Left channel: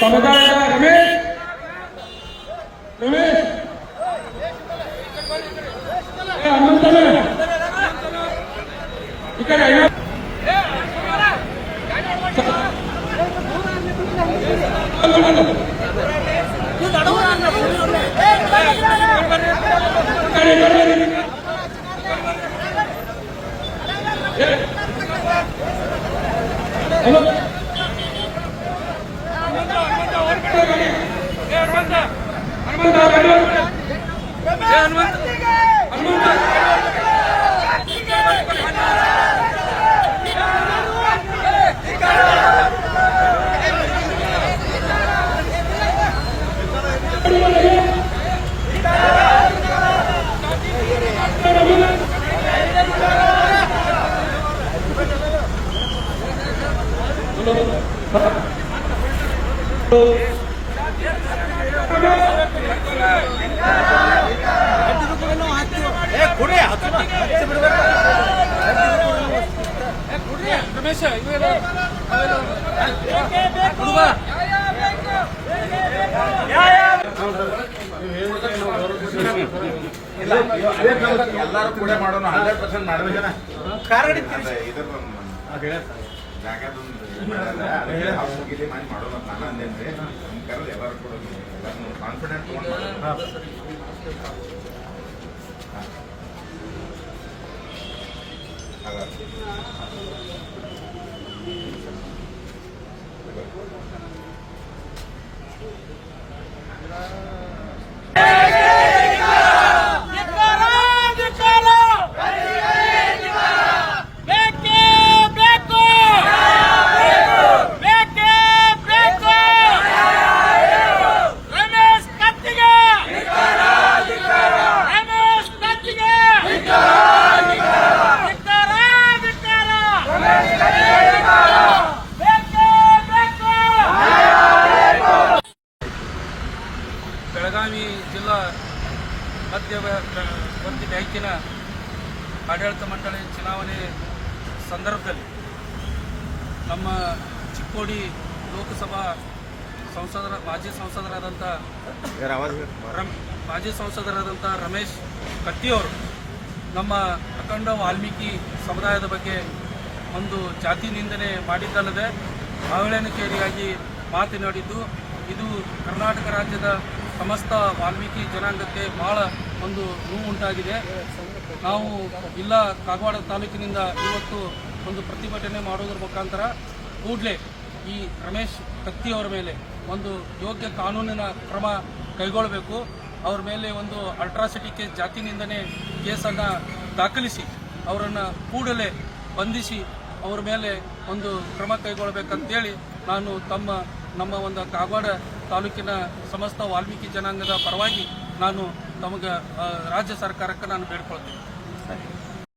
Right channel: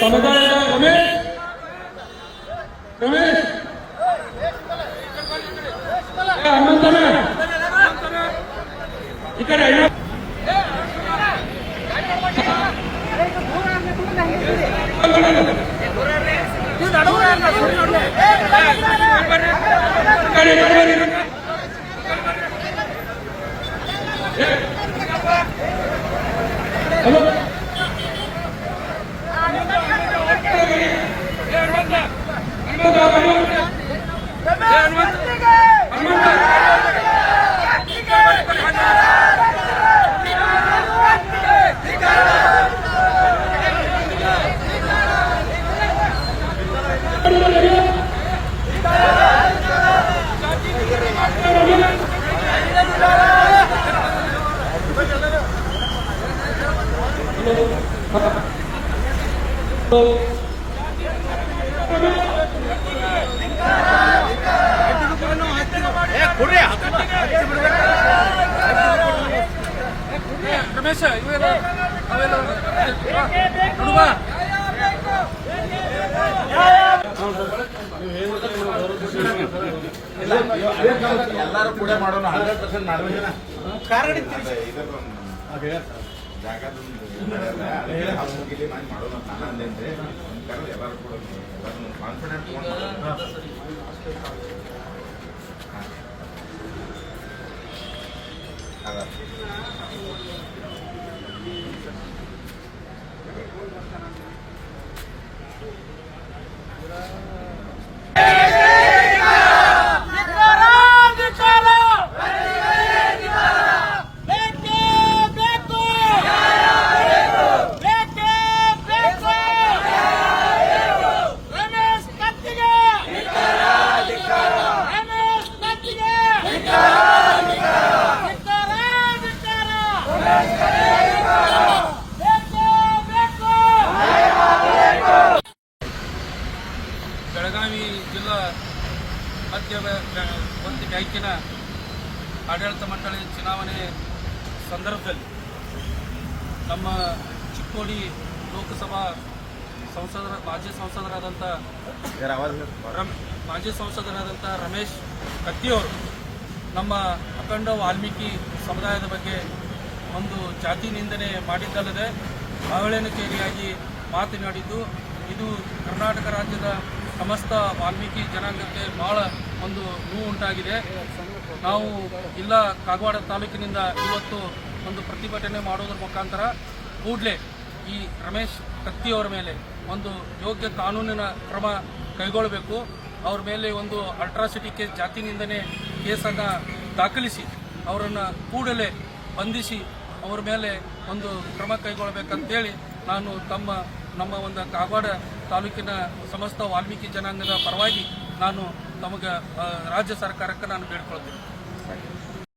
ಸಮುದಾಯದ ರಮೇಶ್ ರಮೇಶ್ ಏ, ಹನುಮಂತಣ್ಣ. ಈ ಕಡೆ ಅಲ್ಲ. ಈ ಬರ್ರಿ. ಎಲ್ಲರೂ ಕೂಡ ಮಾಡೋಣ ಹಂಡ್ರೆಡ್ ಪರ್ಸೆಂಟ್ ಮಾಡಬೇಕನ ಕಾರಡಿ ಮುಗಿಲಿ ಮಾಡಿ ಮಾಡೋಣ ಪ್ಲಾನ್ ಅಂದೇನ್ರಿ ಕರೆದು ಎಲ್ಲರೂ ಕೂಡ ಎಲ್ಲರೂ ಕಾನ್ಫಿಡೆಂಟ್ ತಗೊಂಡು ಮಾಡೋಣ ಮಧ್ಯ ಒಂದು ಬ್ಯಾಂಕಿನ ಆಡಳಿತ ಮಂಡಳಿ ಚುನಾವಣೆ ಸಂದರ್ಭದಲ್ಲಿ ನಮ್ಮ ಚಿಕ್ಕೋಡಿ ಲೋಕಸಭಾ ಸಂಸದರ ಮಾಜಿ ಸಂಸದರಾದಂಥ ಮಾಜಿ ಸಂಸದರಾದಂಥ ರಮೇಶ್ ಕತ್ತಿಯವರು ನಮ್ಮ ಅಖಂಡ ವಾಲ್ಮೀಕಿ ಸಮುದಾಯದ ಬಗ್ಗೆ ಒಂದು ಜಾತಿ ನಿಂದನೆ ಮಾಡಿದ್ದಲ್ಲದೆ ಅವಳೇನಕೇರಿಯಾಗಿ ಮಾತನಾಡಿದ್ದು ಇದು ಕರ್ನಾಟಕ ರಾಜ್ಯದ ಸಮಸ್ತ ವಾಲ್ಮೀಕಿ ಜನಾಂಗಕ್ಕೆ ಬಹಳ ಒಂದು ನೋವು ಉಂಟಾಗಿದೆ. ನಾವು ಇಲ್ಲ ಕಾಗವಾಡ ತಾಲೂಕಿನಿಂದ ಇವತ್ತು ಒಂದು ಪ್ರತಿಭಟನೆ ಮಾಡೋದ್ರ ಮುಖಾಂತರ ಕೂಡಲೇ ಈ ರಮೇಶ್ ಕತ್ತಿಯವರ ಮೇಲೆ ಒಂದು ಯೋಗ್ಯ ಕಾನೂನಿನ ಕ್ರಮ ಕೈಗೊಳ್ಳಬೇಕು ಅವ್ರ ಮೇಲೆ ಒಂದು ಅಲ್ಟ್ರಾಸಿಟಿ ಕೇಸ್ ಜಾತಿನಿಂದನೇ ಕೇಸನ್ನು ದಾಖಲಿಸಿ ಅವರನ್ನು ಕೂಡಲೇ ಬಂಧಿಸಿ ಅವರ ಮೇಲೆ ಒಂದು ಕ್ರಮ ಕೈಗೊಳ್ಳಬೇಕಂತೇಳಿ ನಾನು ತಮ್ಮ, ನಮ್ಮ ಒಂದು ಕಾಗವಾಡ ತಾಲೂಕಿನ ಸಮಸ್ತ ವಾಲ್ಮೀಕಿ ಜನಾಂಗದ ಪರವಾಗಿ ನಾನು ತಮಗೆ ರಾಜ್ಯ ಸರ್ಕಾರಕ್ಕೆ ನಾನು ಬೇಡ್ಕೊಳ್ತೇನೆ.